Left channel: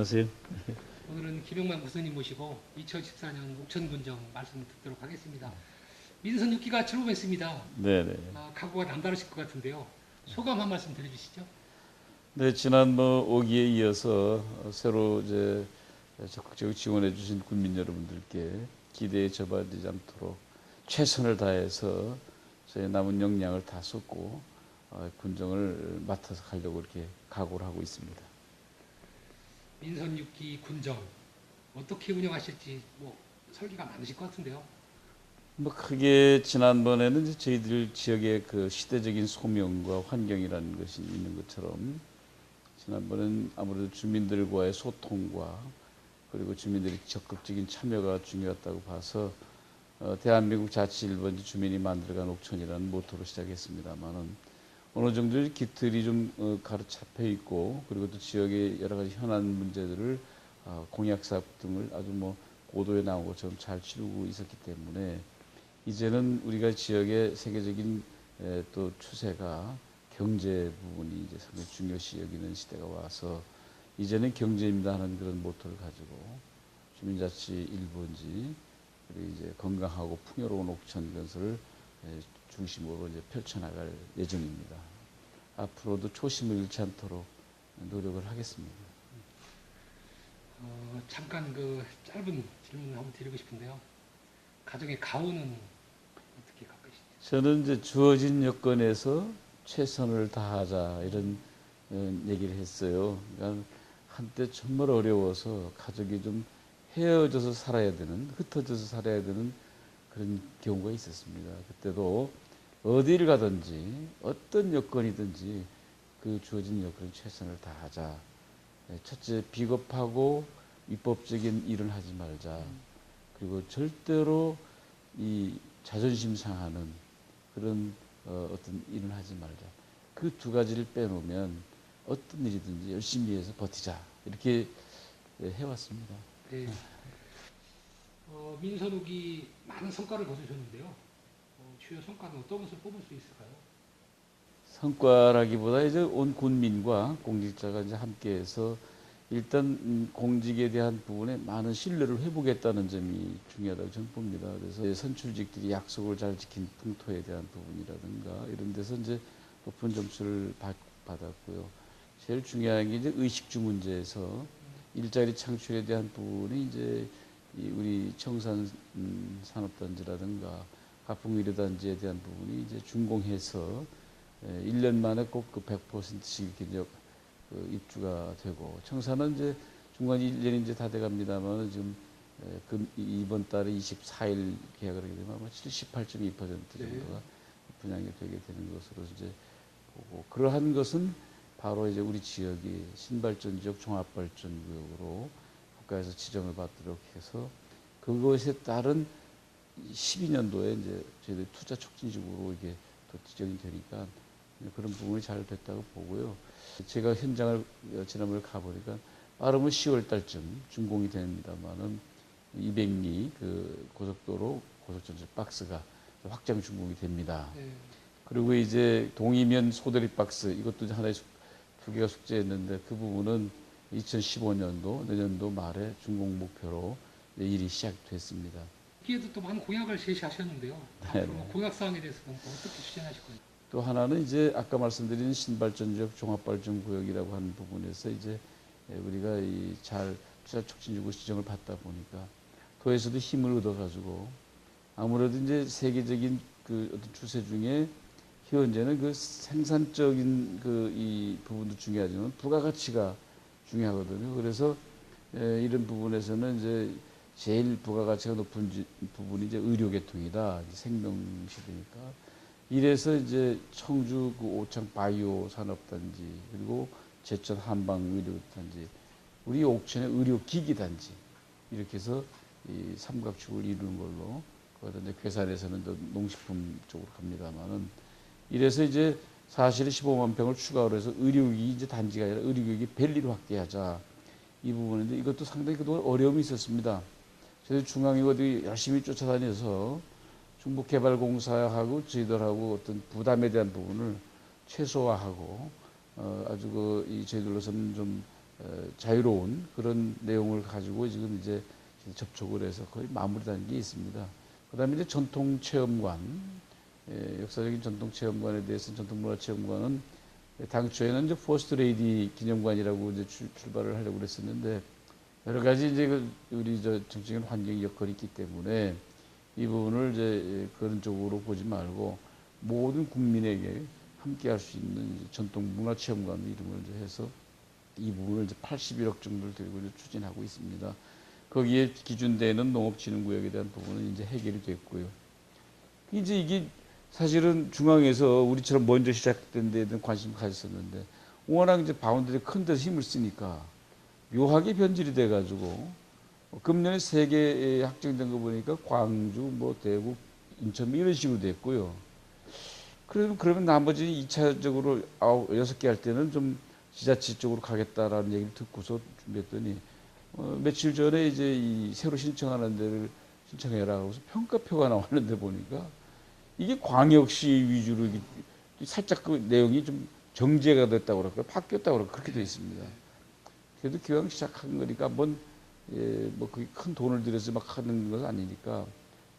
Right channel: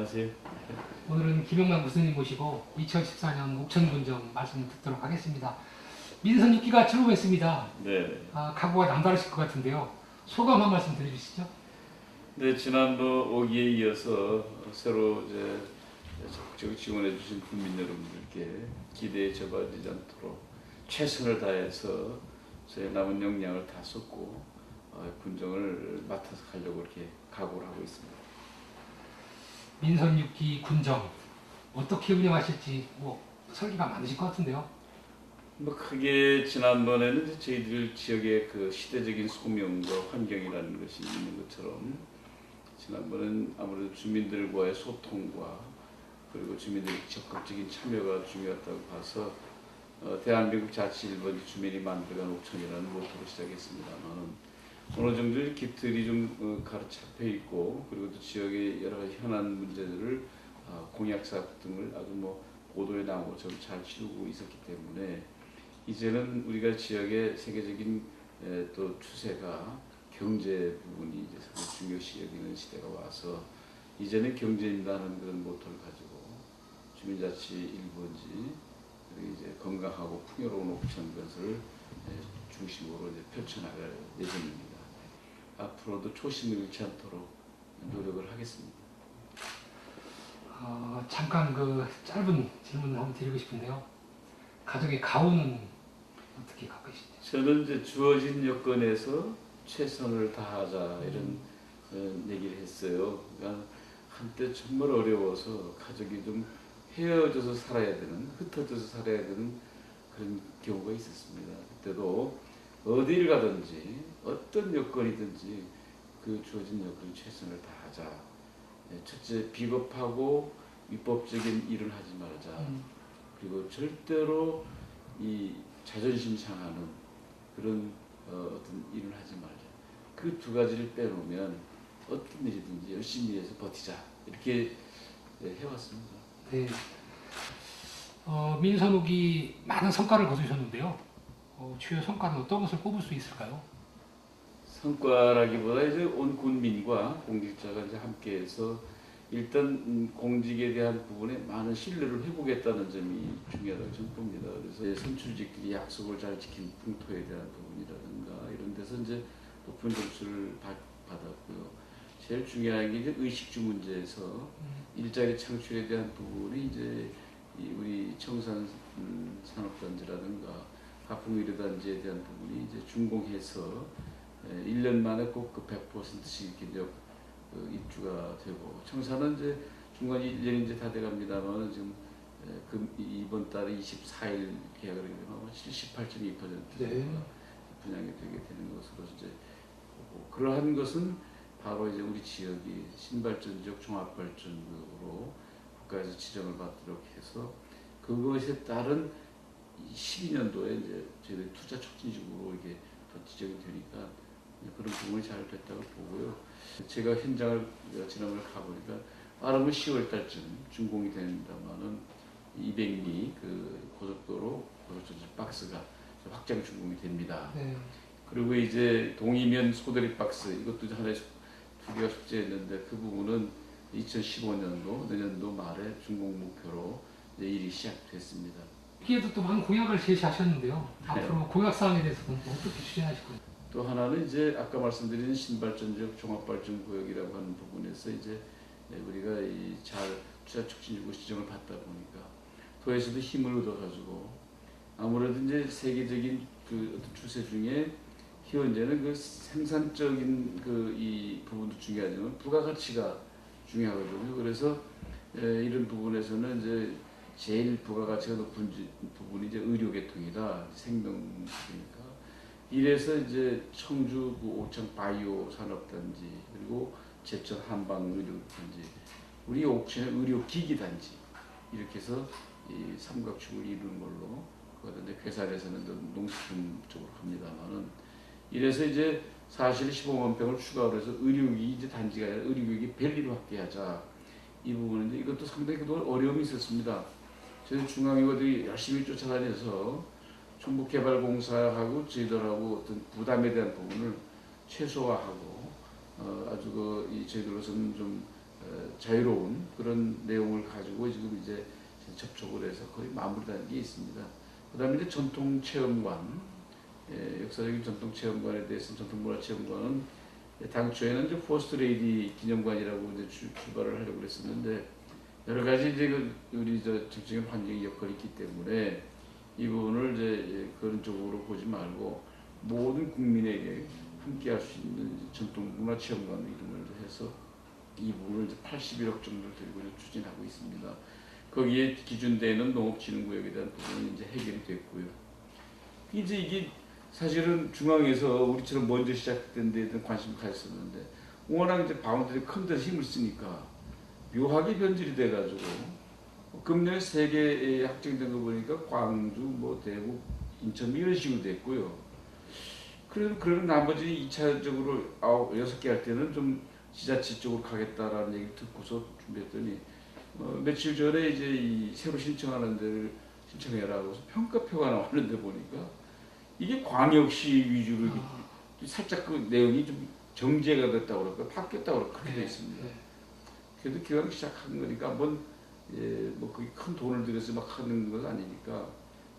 안녕하세요. 오늘은 김영만 부스님 모시고 2014년 옥천군정 말씀 듣도록 하겠습니다. 민선 6기가 즐거웠습니다. 네네. 각오가 남다르실 것 같은데요. 소감 한 말씀 드려주시죠. 네, 지난 5기에 이어서 새로 이제 적극적으로 지원해 주신 국민 여러분들께 기대에 접어들지 않도록 최선을 다해서 저희 남은 역량을 다 쏟고 군정을 맡아서 가려고 이렇게 각오를 하고 있습니다. 민선 6기 군정 어떻게 운영하실지 설계가 많으실 것 같은데요. 크게 지난번에는 이제 저희들 지역의 그 시대적인 소명과 환경이라는 것이 있는 것처럼 지난번엔 아무래도 주민들과의 소통과 그리고 주민들의 적극적인 참여가 중요했다고 봐서 대한민국 자치 1번지 주민이 만들어간 옥천이라는 모토로 시작했습니다만 어느 정도 깃틀이 좀 가로잡혀 있고 그리고 또 지역의 여러 가지 현안 문제들을 공약 사업 등을 아주 고도에 나오고 좀 잘 치르고 있었기 때문에 이제는 우리가 지역의 세계적인 또 추세가 경제 부분이 이제 상당히 중요시 여기는 시대가 와서 이제는 경제입니다 하는 그런 모토를 가지고 주민자치 1번지 그리고 이제 건강하고 풍요로운 옥천 건설을 중심으로 이제 펼쳐나갈 예정입니다. 앞으로도 초심을 잃지 않도록 노력을 하겠습니다. 잠깐 그 짧은 질문 한번 드리고 싶은데요. 가족의 가오는 어떻게 가꾸시죠? 저는 이제 주어진 여건에서 최선을 다하자 이런 얘기를 했어요. 그러니까 한때 정말 어려워서 가족이 좀 헤어져서 살아야 되는, 흩어져서 살아야 되는 그런 경우가 있었습니다. 그때도 어디를 가든지 어떤 여건이든지 그 주어진 여건에 최선을 다하자. 첫째, 비겁하고 위법적인 일을 하지 말자. 그리고 절대로 이 자존심 상하는 그런 어떤 일을 하지 말자. 그 두 가지를 빼놓으면 어떤 일이든지 열심히 해서 버티자. 이렇게 해왔습니다. 네. 민선 5기 많은 성과를 거두셨는데요. 주요 성과는 어떤 것을 꼽을 수 있을까요? 성과라기보다 이제 온 군민과 공직자가 이제 함께해서 일단 공직에 대한 부분에 많은 신뢰를 회복했다는 점이 중요하다고 저는 봅니다. 그래서 선출직들이 약속을 잘 지킨 풍토에 대한 부분이라든가 이런 데서 이제 높은 점수를 받았고요. 제일 중요한 게 이제 의식주 문제에서 일자리 창출에 대한 부분이 이제 우리 청산 산업단지라든가 가풍미래단지에 대한 부분이 이제 준공해서 1년 만에 꼭 그 100%씩 이렇게 입주가 되고 청사는 이제 중간 1년이 이제 다 돼갑니다만 지금 이번 달에 24일 계약을 하게 되면 78.2% 정도가 분양이 되게 되는 것으로 이제 보고 그러한 것은 바로 이제 우리 지역이 신발전 지역 종합발전구역으로 국가에서 지정을 받도록 해서 그것에 따른 12년도에 이제 저희들 투자 촉진지구로 이게 또 지정이 되니까 그런 부분이 잘 됐다고 보고요. 제가 현장을 지난번에 가보니까 빠르면 10월 달쯤 준공이 된다마는 200리 그 고속도로 고속전철 박스가 확장 준공이 됩니다. 네. 그리고 이제 동이면 소대리 박스 이것도 하나의 두 개가 숙제했는데 그 부분은 2015년도 내년도 말에 준공 목표로 일이 시작됐습니다. 여기에도 또 많은 공약을 제시하셨는데요. 네. 앞으로 공약 사항에 대해서는 어떻게 추진하실 건지. 또 하나는 이제 아까 말씀드린 신발전지역 종합발전구역이라고 하는 부분에서 이제 우리가 이 잘 투자 촉진지구 지정을 받다 보니까 도에서도 힘을 얻어가지고 아무래도 이제 세계적인 그 어떤 추세 중에 현재는 그 생산적인 그 이 부분도 중요하지만 부가가치가 중요하거든요. 그래서 이런 부분에서는 이제 제일 부가가치가 높은 부분이 이제 의료계통이다. 생명식이니까. 이래서 이제 청주 그 오창 바이오 산업단지 그리고 제천 한방 의료단지 우리 옥천의 의료기기 단지 이렇게 해서 이 삼각축을 이루는 걸로 그것도 이제 괴산에서는 농식품 쪽으로 갑니다만은 이래서 이제 사실 15만 평을 추가로 해서 의료기기 이제 단지가 아니라 의료기기 밸리로 확대하자 이 부분인데 이것도 상당히 그동안 어려움이 있었습니다. 저희 중앙이거들이 열심히 쫓아다녀서 중국개발공사하고 저희들하고 어떤 부담에 대한 부분을 최소화하고 아주 저희들로서는 좀 자유로운 그런 내용을 가지고 지금 이제 접촉을 해서 거의 마무리 단계에 있습니다. 그다음에 이제 전통 체험관, 역사적인 전통 체험관에 대해서 전통문화체험관은 당초에는 이제 포스트 레이디 기념관이라고 이제 출발을 하려고 그랬었는데 여러 가지 이제 우리 정치적인 환경의 여건이 있기 때문에 이 부분을 이제 그런 쪽으로 보지 말고 모든 국민에게 함께 할 수 있는 전통문화체험관 이름을 해서 이 부분을 이제 81억 정도를 들고 추진하고 있습니다. 거기에 기준되는 농업진흥구역에 대한 부분은 이제 해결이 됐고요. 이제 이게 사실은 중앙에서 우리처럼 먼저 시작된 데에 대한 관심을 가졌었는데 워낙 이제 바운드들이 큰 데서 힘을 쓰니까 묘하게 변질이 돼가지고 금년에 3개 확정된 거 보니까 광주, 뭐 대구, 인천 이런 식으로 됐고요. 그러면 나머지 2차적으로 6개 할 때는 좀 지자체 쪽으로 가겠다라는 얘기를 듣고서 준비했더니 며칠 전에 이제 이 새로 신청하는 데를 신청해라고 해서 평가표가 나왔는데 보니까 이게 광역시 위주로 살짝 그 내용이 좀 정제가 됐다고 그럴까 바뀌었다고 그럴까 그렇게 되어 있습니다. 그래도 기왕 시작한 거니까 한번 뭐 그게 큰 돈을 들여서 막 하는 건 아니니까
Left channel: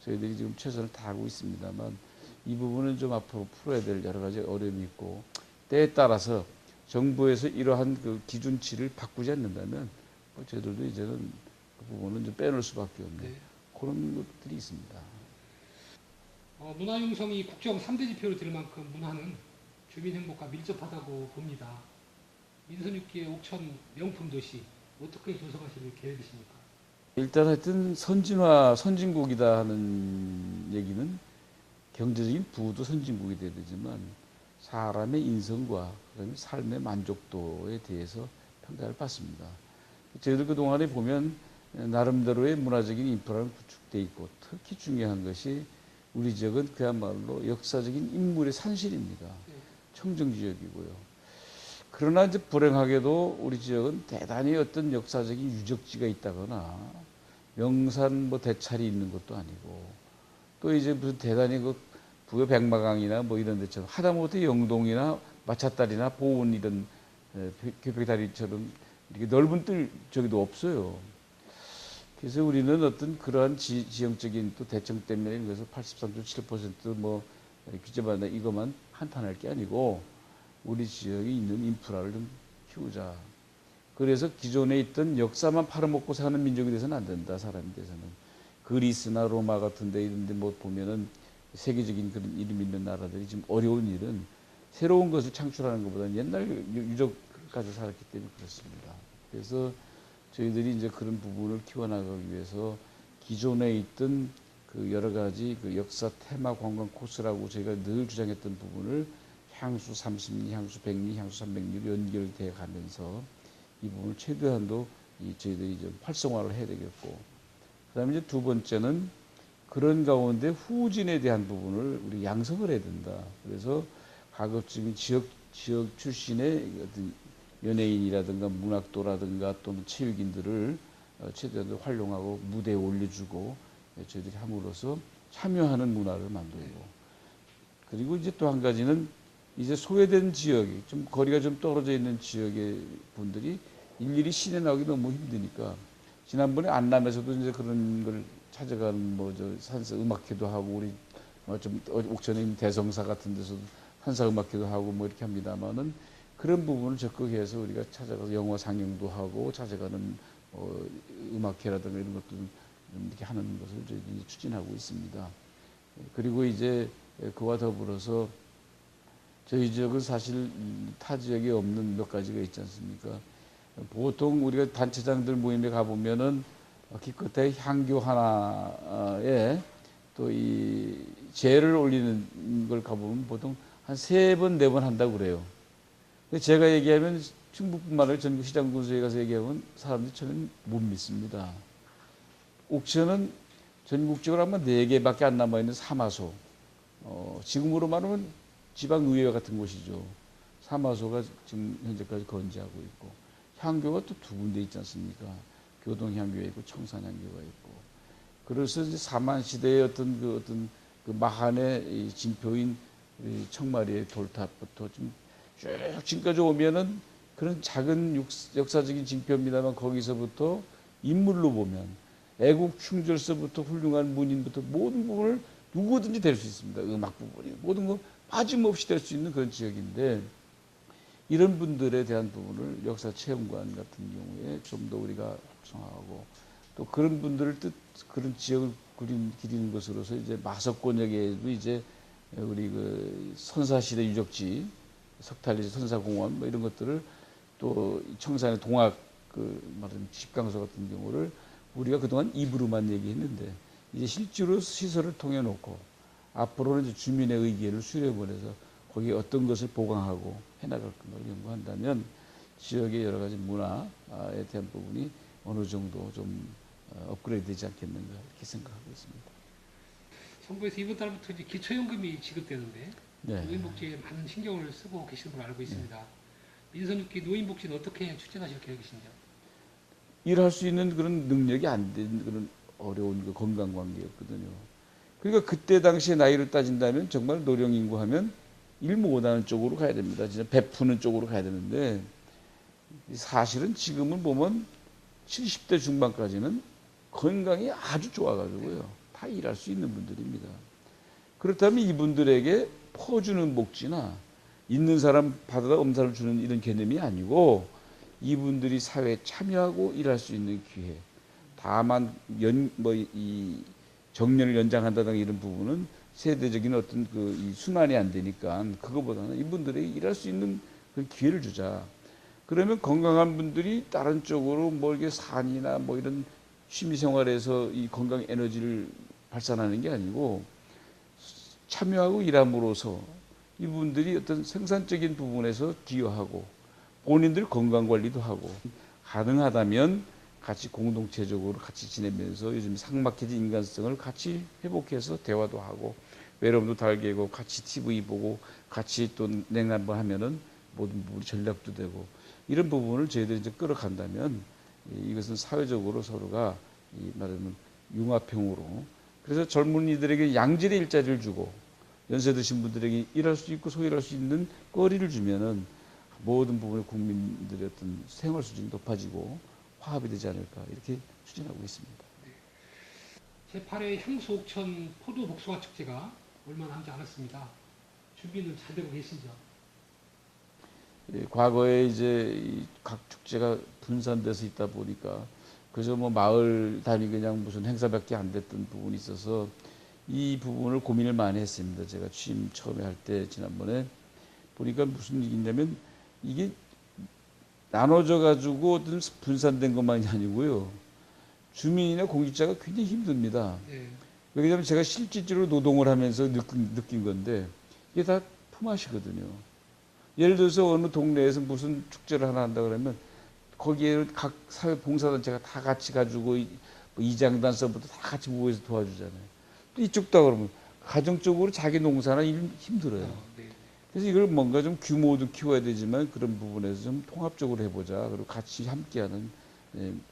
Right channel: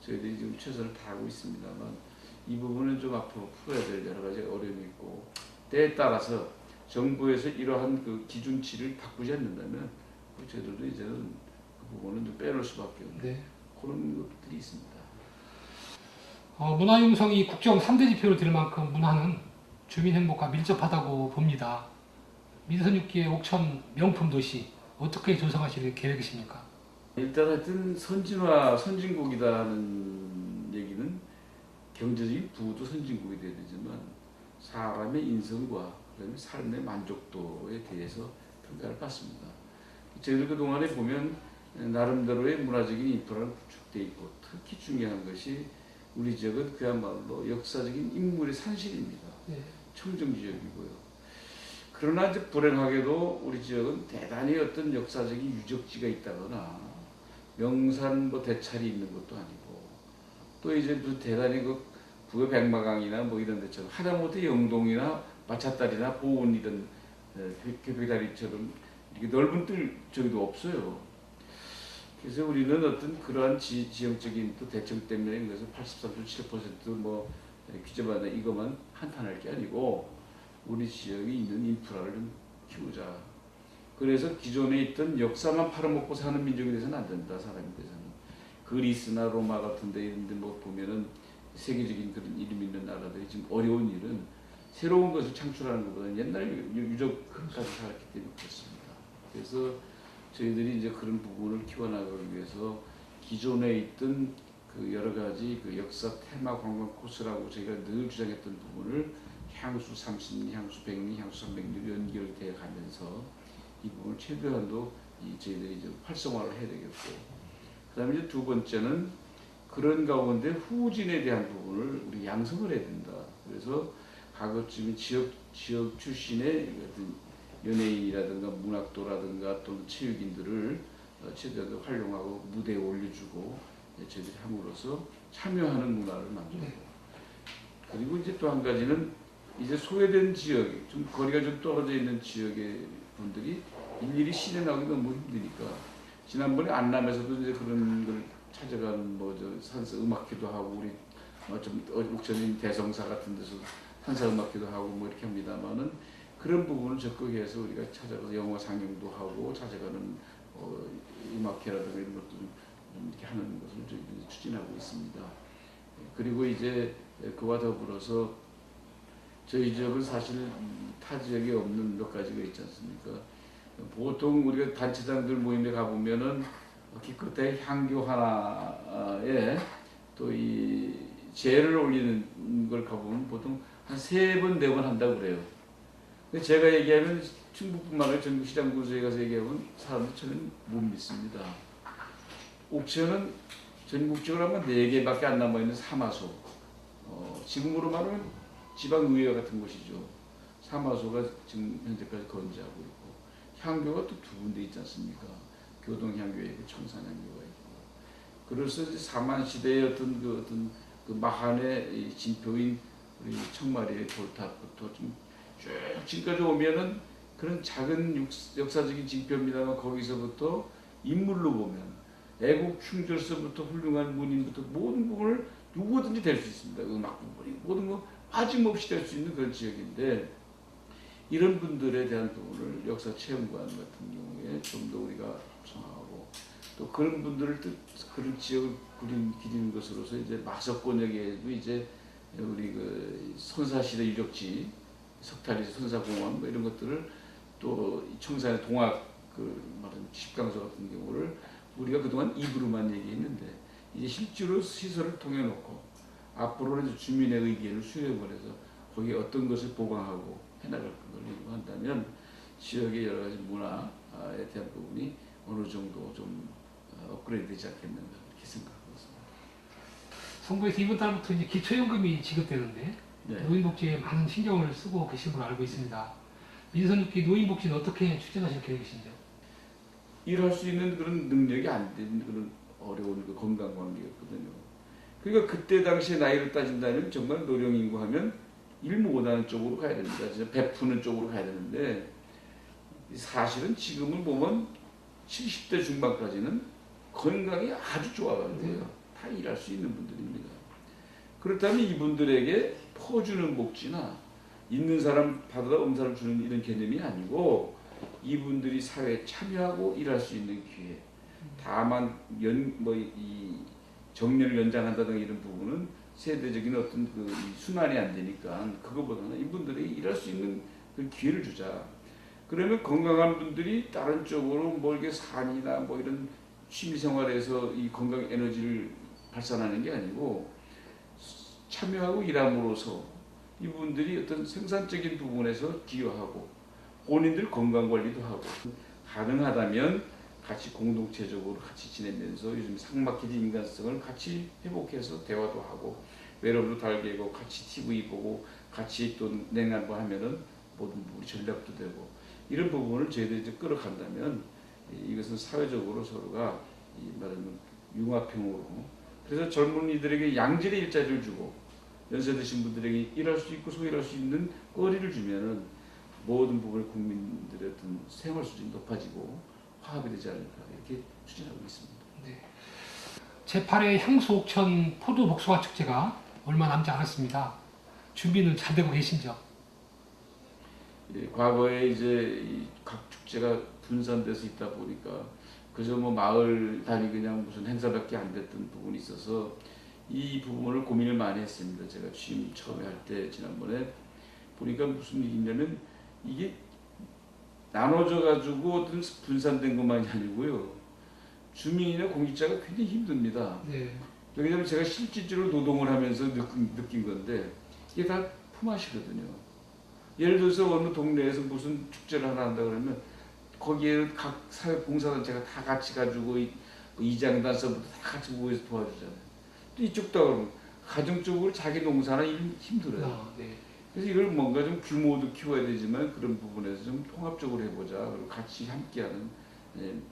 저희들이 지금 최선을 다하고 있습니다만 이 부분은 좀 앞으로 풀어야 될 여러 가지 어려움이 있고 때에 따라서 정부에서 이러한 그 기준치를 바꾸지 않는다면 저희들도 이제는 그 부분은 좀 빼놓을 수밖에 없는 네. 그런 것들이 있습니다. 문화융성이 국정 3대 지표로 될 만큼 문화는 주민 행복과 밀접하다고 봅니다. 민선 6기의 옥천 명품 도시 어떻게 조성하실 계획이십니까? 일단 하여튼 선진국이다 하는 얘기는 경제적인 부도 선진국이 돼야 되지만 사람의 인성과 그다음에 삶의 만족도에 대해서 평가를 받습니다. 저희들 그동안에 보면 나름대로의 문화적인 인프라는 구축되어 있고 특히 중요한 것이 우리 지역은 그야말로 역사적인 인물의 산실입니다. 네. 청정지역이고요. 그러나 이제 불행하게도 우리 지역은 대단히 어떤 역사적인 유적지가 있다거나 명산 뭐 대찰이 있는 것도 아니고 또 이제 무슨 대단히 그 부의 백마강이나 뭐 이런 데처럼 하다못해 영동이나 마차다리나 보은 이런 표백다리처럼 이렇게 넓은 뜰 저기도 없어요. 그래서 우리는 어떤 그러한 지형적인 또 대청 때문에 그래서 83.7%뭐 규제받나 이것만 한탄할 게 아니고 우리 지역에 있는 인프라를 좀 키우자. 그래서 기존에 있던 역사만 팔아먹고 사는 민족이 돼서는 안 된다. 사람이 돼서는. 그리스나 로마 같은 데 있는데 뭐 보면은 세계적인 그런 이름 있는 나라들이 지금 어려운 일은 새로운 것을 창출하는 것보다는 옛날 유적까지 살았기 때문에 그렇습니다. 그래서 저희들이 이제 그런 부분을 키워나가기 위해서 기존에 있던 그 여러 가지 그 역사 테마 관광 코스라고 저희가 늘 주장했던 부분을 향수 30리, 향수 100리, 향수 300리로 연결돼 가면서 이 부분을 최대한도 저희들이 이제 활성화를 해야 되겠고, 그다음에 이제 두 번째는 그런 가운데 후진에 대한 부분을 우리 양성을 해야 된다. 그래서 가급적인 지역 출신의 어떤 연예인이라든가 문학도라든가 또는 체육인들을 최대한 활용하고 무대에 올려주고 저희들이 함으로써 참여하는 문화를 만들고, 그리고 이제 또 한 가지는 이제 소외된 지역, 좀 거리가 좀 떨어져 있는 지역의 분들이 일일이 시내 나오기 너무 힘드니까 지난번에 안남에서도 이제 그런 걸 찾아가는 뭐저 산사 음악회도 하고 우리 좀 옥천인 대성사 같은 데서 산사 음악회도 하고 뭐 이렇게 합니다만은 그런 부분을 적극해서 우리가 찾아가서 영화 상영도 하고 찾아가는 음악회라든가 이런 것도 좀 이렇게 하는 것을 저희 추진하고 있습니다. 그리고 이제 그와 더불어서 저희 지역은 사실 타 지역에 없는 몇 가지가 있지 않습니까? 보통 우리가 단체장들 모임에 가보면은 기껏해 향교 하나에 또 이 재를 올리는 걸 가보면 보통 한 3번, 4번 한다고 그래요. 근데 제가 얘기하면 충북뿐만 아니라 전국 시장군수에 가서 얘기하면 사람들이 저는 못 믿습니다. 옥천은 전국적으로 하면 4개밖에 안 남아있는 사마소. 지금으로 말하면 지방의회 같은 곳이죠. 사마소가 지금 현재까지 건재하고 있고, 향교가 또 2군데 있지 않습니까? 교동향교가 있고 청산향교가 있고. 그래서 이제 사만시대의 어떤 그 마한의 진표인 우리 청마리의 돌탑부터 쭉 지금까지 오면은 그런 작은 역사적인 징표입니다만 거기서부터 인물로 보면 애국 충절서부터 훌륭한 문인부터 모든 부분을 누구든지 될 수 있습니다. 음악 부분이 모든 거 빠짐없이 될 수 있는 그런 지역인데 이런 분들에 대한 부분을 역사 체험관 같은 경우에 좀 더 우리가 구성하고 또 그런 분들을 그런 지역을 기리는 것으로서 이제 마석권역에도 이제 우리 그 선사시대 유적지 석탈리 선사공원 뭐 이런 것들을 또 청산의 동학 그 말은 집강서 같은 경우를 우리가 그동안 입으로만 얘기했는데 이제 실제로 시설을 통해 놓고 앞으로는 이제 주민의 의견을 수렴을 해서 거기에 어떤 것을 보강하고 해나갈 걸 연구한다면 지역의 여러 가지 문화에 대한 부분이 어느 정도 좀 업그레이드 되지 않겠는가 이렇게 생각하고 있습니다. 선거에서 이번 달부터 이제 기초연금이 지급되는데 네. 노인복지에 많은 신경을 쓰고 계신 걸로 알고 있습니다. 민선 6기 노인복지는 어떻게 추진하실 계획이신지요? 일할 수 있는 그런 능력이 안 되는 그런 어려운 그 건강 관계였거든요. 그러니까 그때 당시에 나이로 따진다면 정말 노령인구 하면 일 못하는 쪽으로 가야 됩니다. 진짜 베푸는 쪽으로 가야 되는데 사실은 지금은 보면 70대 중반까지는 건강이 아주 좋아가지고요. 다 일할 수 있는 분들입니다. 그렇다면 이분들에게 퍼주는 복지나 있는 사람 받아다 없는 사람 주는 이런 개념이 아니고 이분들이 사회에 참여하고 일할 수 있는 기회. 다만 이 정년을 연장한다든가 이런 부분은 세대적인 어떤 그 순환이 안 되니까 그거보다는 이분들에게 일할 수 있는 그 기회를 주자. 그러면 건강한 분들이 다른 쪽으로 뭐 이게 산이나 뭐 이런 취미 생활에서 이 건강 에너지를 발산하는 게 아니고 참여하고 일함으로써 이분들이 어떤 생산적인 부분에서 기여하고 본인들 건강 관리도 하고 가능하다면 같이 공동체적으로 같이 지내면서 요즘 삭막해진 인간성을 같이 회복해서 대화도 하고 외롭도 달개고 같이 TV 보고 같이 또 냉담을 하면은 모든 부분 전략도 되고 이런 부분을 저희들이 이제 끌어간다면 이것은 사회적으로 서로가 이 말하면 융합형으로 그래서 젊은이들에게 양질의 일자리를 주고 연세 드신 분들에게 일할 수 있고 소일할 수 있는 거리를 주면은 모든 부분의 국민들의 어떤 생활 수준이 높아지고 화합이 되지 않을까 이렇게 추진하고 있습니다. 네. 제8회 향수 옥천 포도 복숭아 축제가 얼마 남지 않았습니다. 준비는 잘 되고 계신지요? 과거에 이제 각 축제가 분산돼서 있다 보니까 그저 뭐 마을 달이 그냥 무슨 행사밖에 안 됐던 부분이 있어서 이 부분을 고민을 많이 했습니다. 제가 취임 처음에 할 때 지난번에 보니까 무슨 일이냐면 이게 나눠져 가지고 분산된 것만이 아니고요. 주민이나 공직자가 굉장히 힘듭니다. 네. 왜냐하면 제가 실질적으로 노동을 하면서 느낀 건데 이게 다 품앗이거든요. 예를 들어서 어느 동네에서 무슨 축제를 하나 한다 그러면 거기에는 각 사회 봉사단체가 다 같이 가지고 이장단서부터 다 같이 모여서 도와주잖아요. 이쪽다 그러면 가정적으로 자기 농사나 일 힘들어요. 네. 그래서 이걸 뭔가 좀 규모도 키워야 되지만 그런 부분에서 좀 통합적으로 해보자. 그리고 같이 함께하는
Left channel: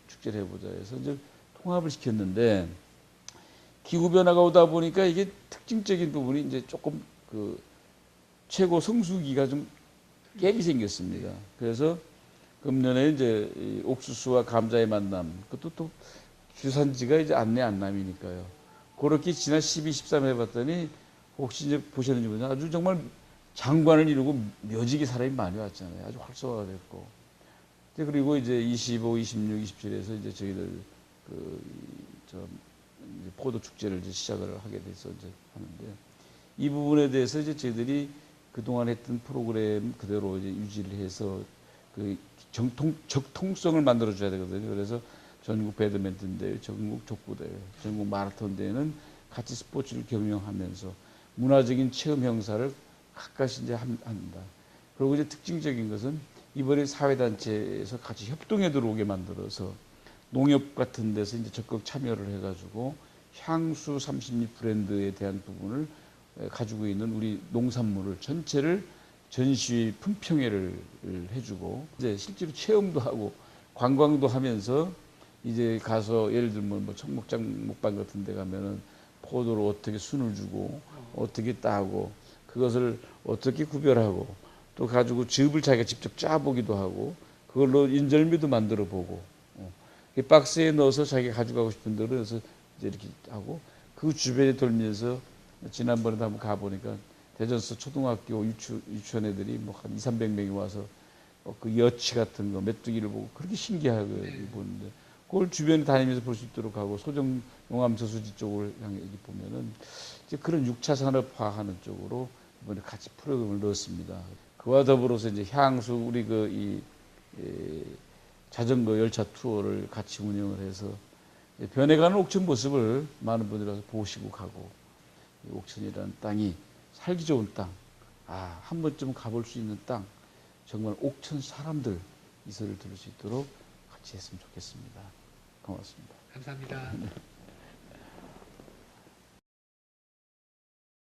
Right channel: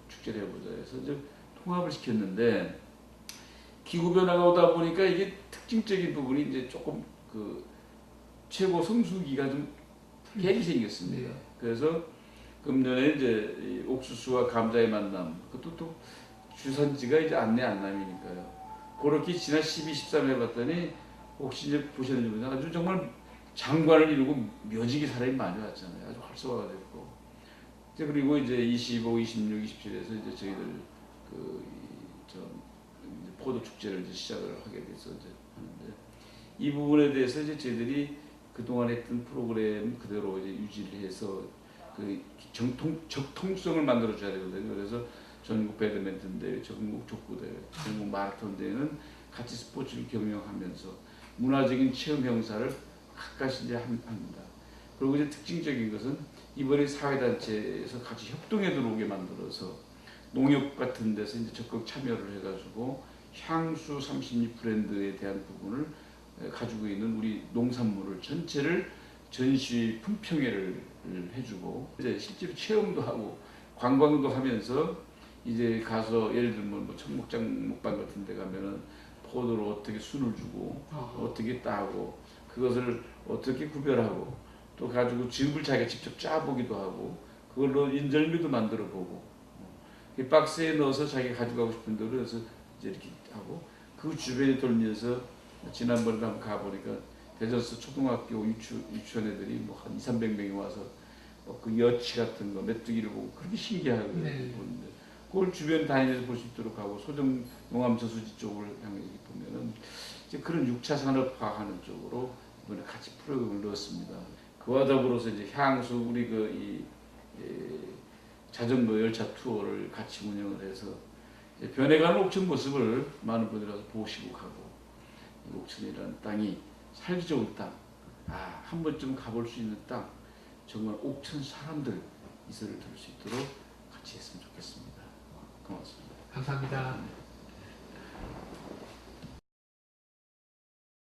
축제를 해보자 해서 이제 통합을 시켰는데 기후 변화가 오다 보니까 이게 특징적인 부분이 이제 조금 그 최고 성수기가 좀 갭이 생겼습니다. 네. 그래서 금년에 이제 이 옥수수와 감자의 만남, 그것도 또 주산지가 이제 안내 안남이니까요. 그렇게 지난 12, 13일 해봤더니 혹시 이제 보셨는지 모르겠는데 아주 정말 장관을 이루고 묘지게 사람이 많이 왔잖아요. 아주 활성화가 됐고. 이제 그리고 이제 25, 26, 27에서 이제 저희들 이제 포도 축제를 이제 시작을 하게 돼서 이제 하는데 이 부분에 대해서 이제 저희들이 그동안 했던 프로그램 그대로 이제 유지를 해서 그 적통성을 만들어줘야 되거든요. 그래서 전국 배드민턴 대회, 전국 족구 대회, 전국 마라톤 대회는 같이 스포츠를 경영하면서 문화적인 체험 행사를 가까이 이제 합니다. 그리고 이제 특징적인 것은 이번에 사회단체에서 같이 협동에 들어오게 만들어서 농협 같은 데서 이제 적극 참여를 해가지고 향수 32 브랜드에 대한 부분을 가지고 있는 우리 농산물을 전체를 전시 품평회를 해주고 이제 실제로 체험도 하고 관광도 하면서 이제 가서 예를 들면 뭐 청목장 목반 같은 데 가면은 포도를 어떻게 순을 주고 어떻게 따고 그것을 어떻게 구별하고 또 가지고 즙을 자기가 직접 짜보기도 하고 그걸로 인절미도 만들어 보고 이 박스에 넣어서 자기가 가져가고 싶은 대로 해서 이제 이렇게 하고 그 주변에 돌면서 지난번에 한번 가보니까 대전서 초등학교 유치원 애들이 뭐 한 200~300명이 와서 그 여치 같은 거 메뚜기를 보고 그렇게 신기하게 네. 보는데 그걸 주변 다니면서 볼 수 있도록 하고 소정 용암 저수지 쪽을 향해 보면은 이제 그런 6차 산업화하는 쪽으로 이번에 같이 프로그램을 넣었습니다. 그와 더불어서 이제 향수 우리 자전거 열차 투어를 같이 운영을 해서 변해가는 옥천 모습을 많은 분들이 와서 보시고 가고 옥천이라는 땅이 살기 좋은 땅, 한 번쯤 가볼 수 있는 땅, 정말 옥천 사람들 이 소리를 들을 수 있도록 같이 했으면 좋겠습니다. 고맙습니다. 감사합니다.